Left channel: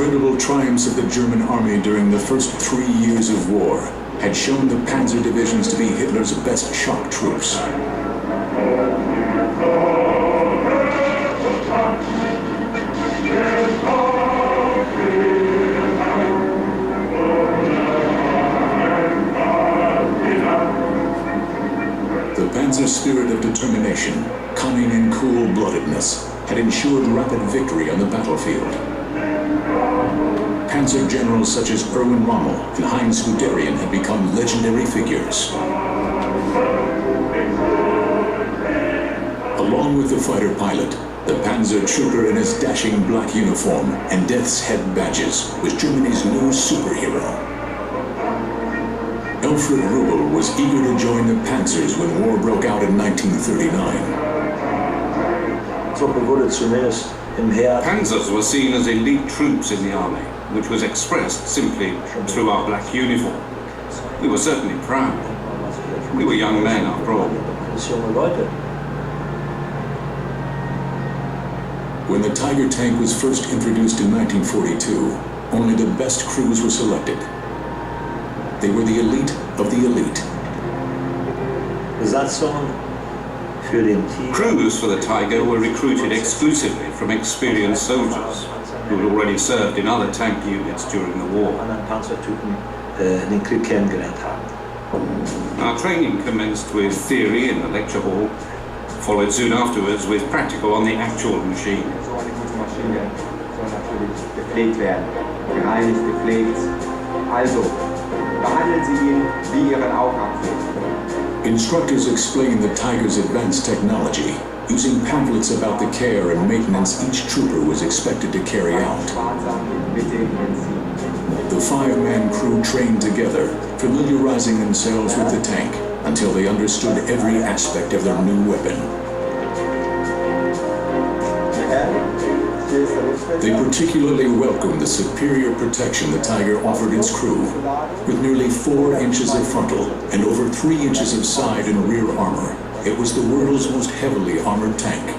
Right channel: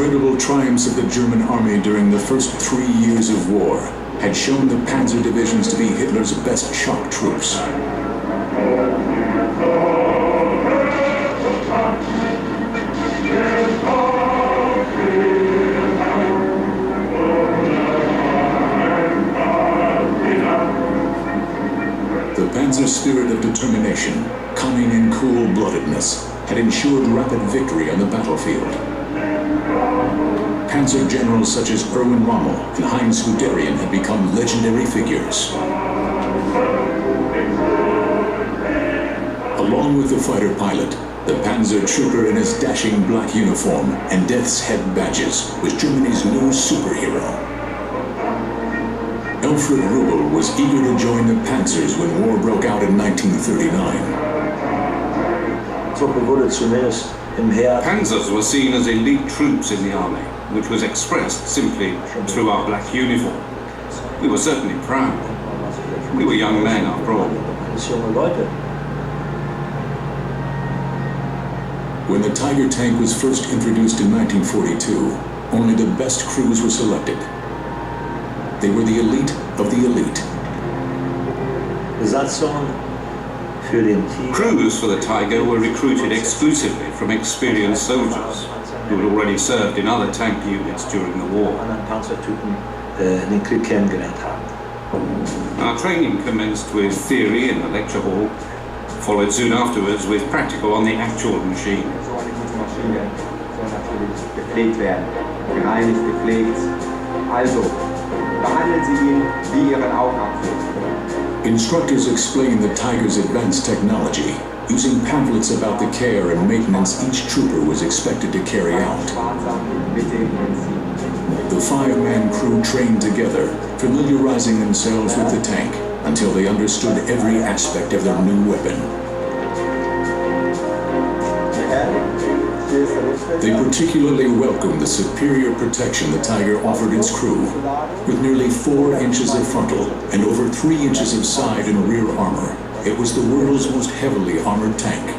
incredible triumphs of the German army during the first 3 years of war had shown the Panzer divisions to be Hitler's best shock troops. The Panzer's spirit of determination, cunning and cool-bloodedness, had ensured rapid victory on the battlefield. Panzer generals such as Erwin Rommel and Heinz Guderian had become legendary figures. Along with the fighter pilot, the Panzer trooper in his dashing black uniform and Death's Head badges was Germany's new superhero. Alfred Rubel was eager to join the Panzers when war broke out in 1939. Panzers were seen as elite troops in the army, which was expressed simply through our black uniform. We were certainly proud. We were young men, after all. When the Tiger tank was first introduced in 1942, only the best crews were selected. They were the elite of the elite. Crews for the Tiger were recruited exclusively from experienced soldiers who had already served in other tank units during the war. Our training commenced with theory in the lecture hall, followed soon afterwards with practical on the actual machine. Instructors explained the Tiger's advanced technology, using pamphlets about the care and maintenance each trooper was expected to carry out. The 5-man crew trained together, familiarizing themselves with the tank until they understood every aspect of their new weapon. They particularly welcomed the superior protection the Tiger offered its crew, with nearly 4 inches of frontal and over 3 inches of side and rear armor. It was the world's most heavily armored tank.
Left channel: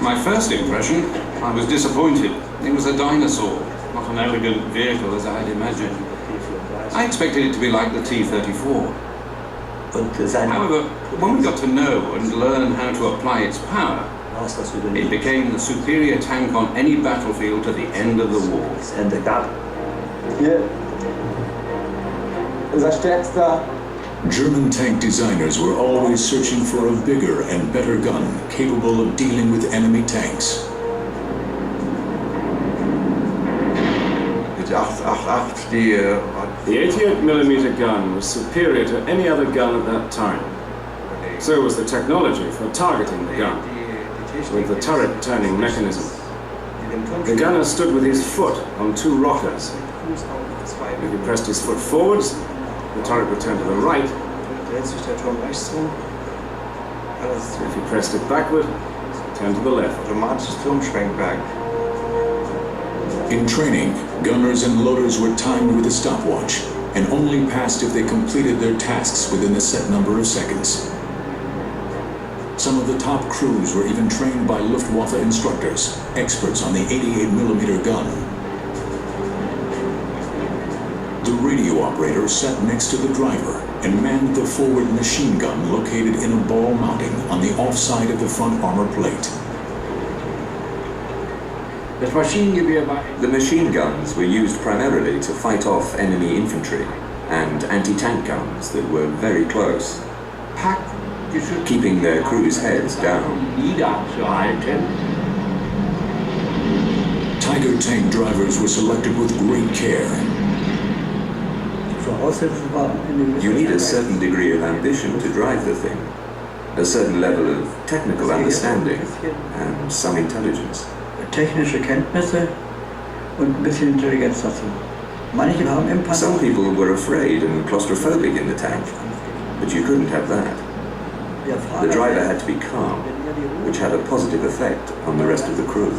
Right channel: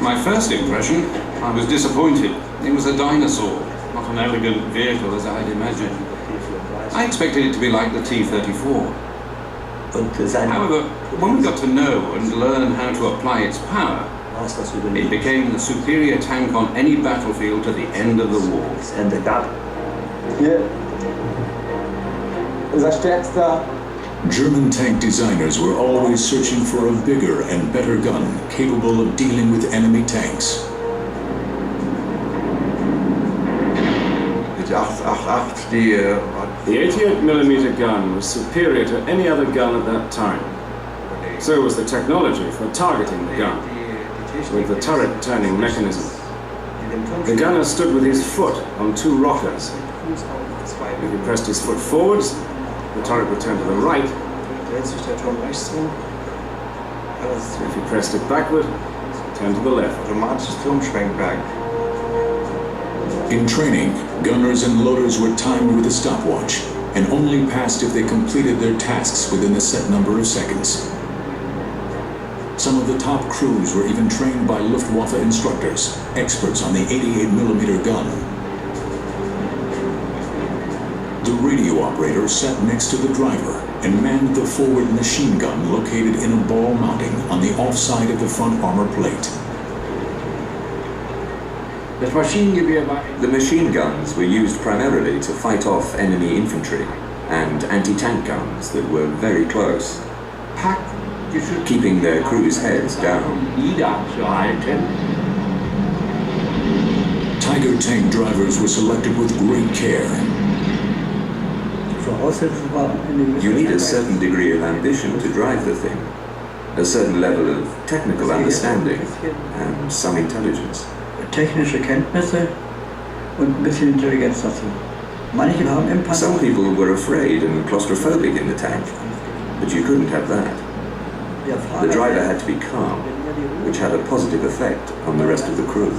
My first impression, I was disappointed. It was a dinosaur, not an elegant vehicle as I had imagined. I expected it to be like the T-34. However, when we got to know and learn how to apply its power, it became the superior tank on any battlefield to the end of the war. German tank designers were always searching for a bigger and better gun capable of dealing with enemy tanks. The 88mm gun was superior to any other gun at that time. So was the technology for targeting the gun, with the turret turning mechanism. The gunner stood with his foot on 2 rockers. If he pressed his foot forwards, the turret would turn to the right. If he pressed it backward, it turned to the left. In training, gunners and loaders were timed with a stopwatch and only passed if they completed their tasks within a set number of seconds. Some of the top crews were even trained by Luftwaffe instructors, experts on the 88mm gun. The radio operator sat next to the driver and manned the forward machine gun located in a ball mounting on the offside of the front armor plate. The machine guns were used primarily to fight off enemy infantry and anti-tank guns that were very close, keeping their crews' heads down. Tiger tank drivers were selected with great care. You need a certain degree of ambition to drive the thing, a certain level of technical understanding and some intelligence. Technische Kenntnisse und ein bisschen Intelligenz dazu. Manche haben im Panzer. Some people were afraid and claustrophobic in the tank, but you couldn't have that. The driver had to be calm, which had a positive effect on the rest of the crew.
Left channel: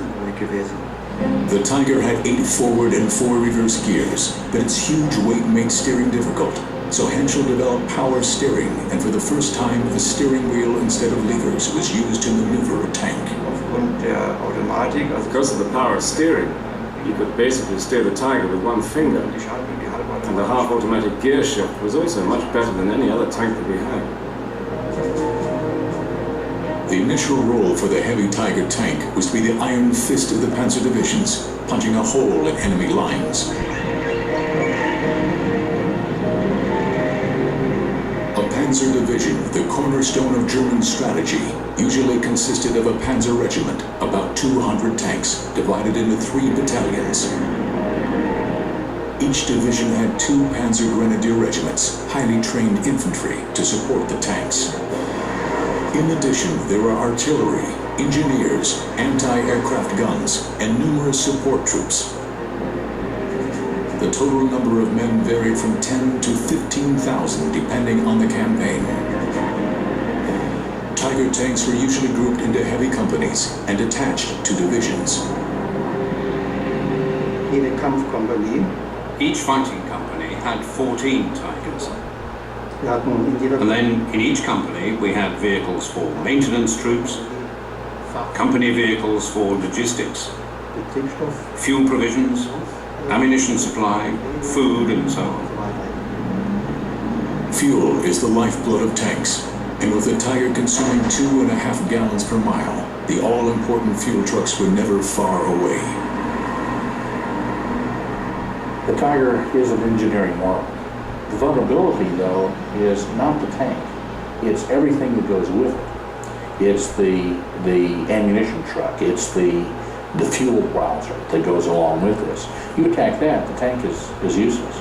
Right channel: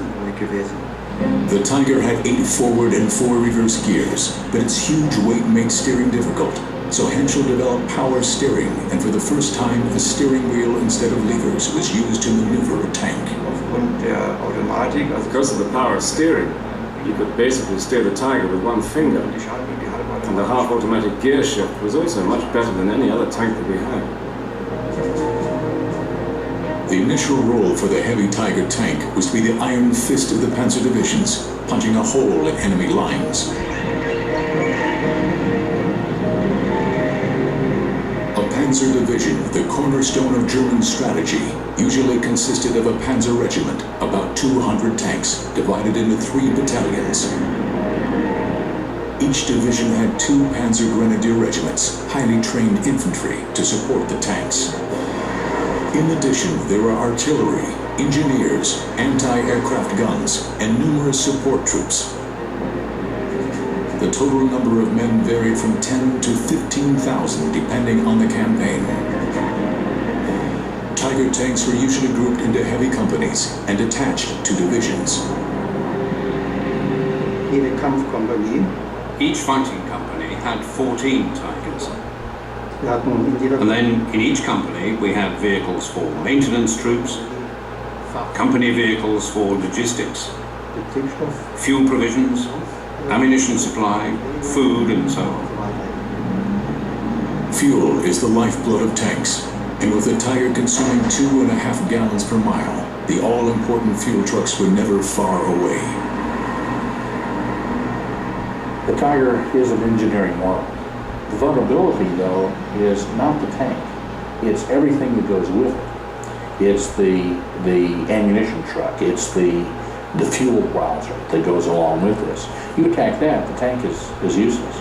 The Tiger had 8 forward and 4 reverse gears, but its huge weight made steering difficult, So Henschel developed power steering, and for the first time, a steering wheel instead of levers was used to maneuver a tank. Because of the power of steering, you could basically steer the Tiger with one finger. And the half-automatic gear shift was also much better than any other tank that we had. The initial role for the heavy Tiger tank was to be the iron fist of the Panzer divisions, punching a hole in enemy lines. A Panzer division, the cornerstone of German strategy, usually consisted of a Panzer regiment, about 200 tanks, divided into 3 battalions. Each division had 2 Panzer Grenadier regiments, highly trained infantry, to support the tanks. In addition, there were artillery, engineers, anti-aircraft guns, and numerous support troops. The total number of men varied from 10 to 15,000 depending on the campaign. Tiger tanks were usually grouped into heavy companies and attached to divisions. Each fighting company had 14 Tigers. And then in each company we had vehicles for maintenance troops, company vehicles for logistics, fuel provisions, ammunition supply, food, and so on. Fuel is the lifeblood of tanks, and with the Tiger consuming 2.5 gallons per mile, the all-important fuel trucks were never far away. The Tiger is an engineering marvel. The vulnerability, though, is not the tank. It's everything that goes with it. It's the ammunition truck. It's the fuel browser that goes along with this. You attack that, the tank is useless.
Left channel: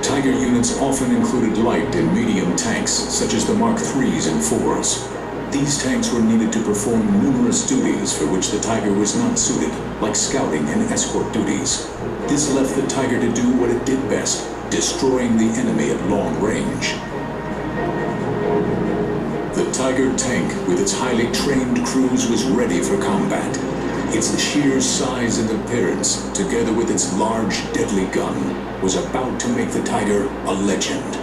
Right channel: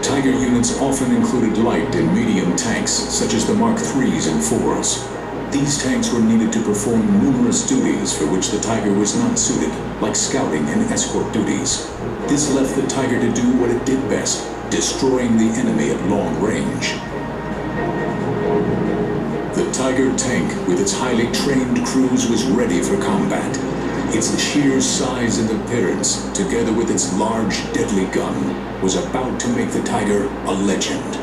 Tiger units often included light and medium tanks, such as the Mark IIIs and IVs. These tanks were needed to perform numerous duties for which the Tiger was not suited, like scouting and escort duties. This left the Tiger to do what it did best, destroying the enemy at long range. The Tiger tank, with its highly trained crews, was ready for combat. Its sheer size and appearance, together with its large, deadly gun, was about to make the Tiger a legend.